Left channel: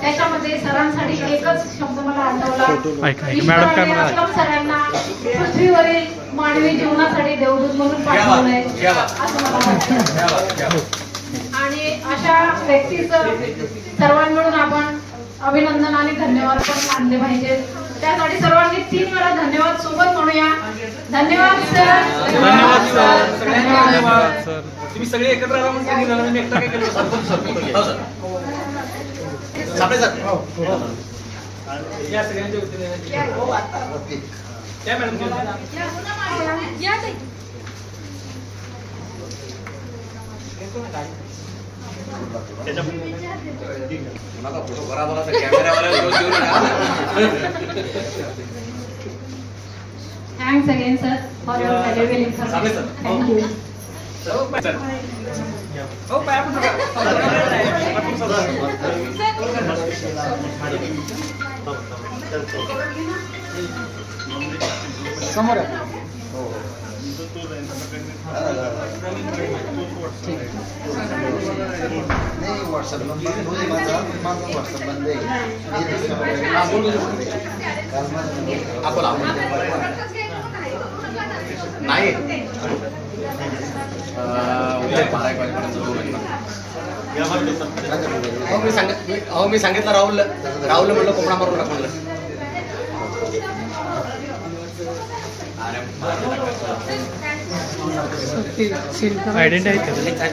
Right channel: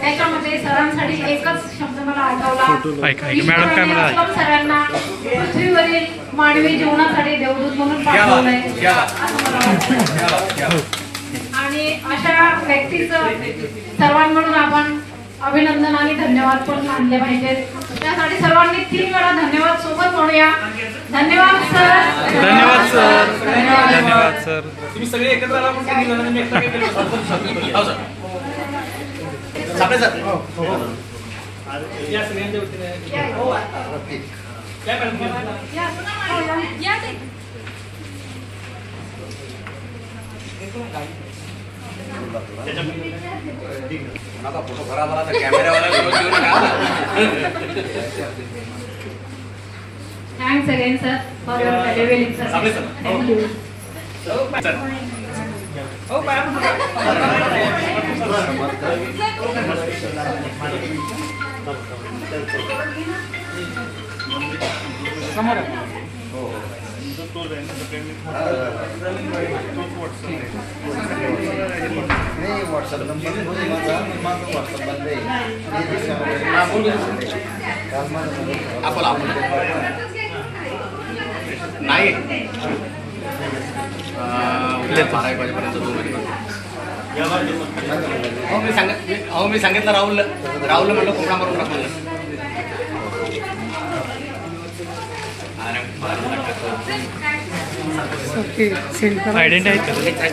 त्याच्यामध्ये सरांसाठी एकच शब्द मला आठवला, मॅडम काय म्हणाला, सरांना पृथ्वीवरील मानवी जीवनासाठी देवदूत म्हणून पाठवलंय असं मला वाटतं. आणि अशा व्यक्तीचं सर्वांकडून आपण अभिनंदन आणि धन्यवाद पण मानले पाहिजे. त्यासाठी सर्वांनी 3 वेळा धन्यवाद सोबत म्हणूया. धन्यवाद सर. धन्यवाद सर. धन्यवाद सर. तुम्ही सगळे एकत्र आला म्हणून सांगितलं ना, मी एकटा काय केलं या सगळ्यांच्या वतीने काय मॅडम फोटो खराब आला तर कॅमेरावाला thanks again sir for your valuable information. Thank you. नाही मी सांगितलं राहुल म्हणलं कोकणा करून टाकलं. आयडेंटिटी आहे का?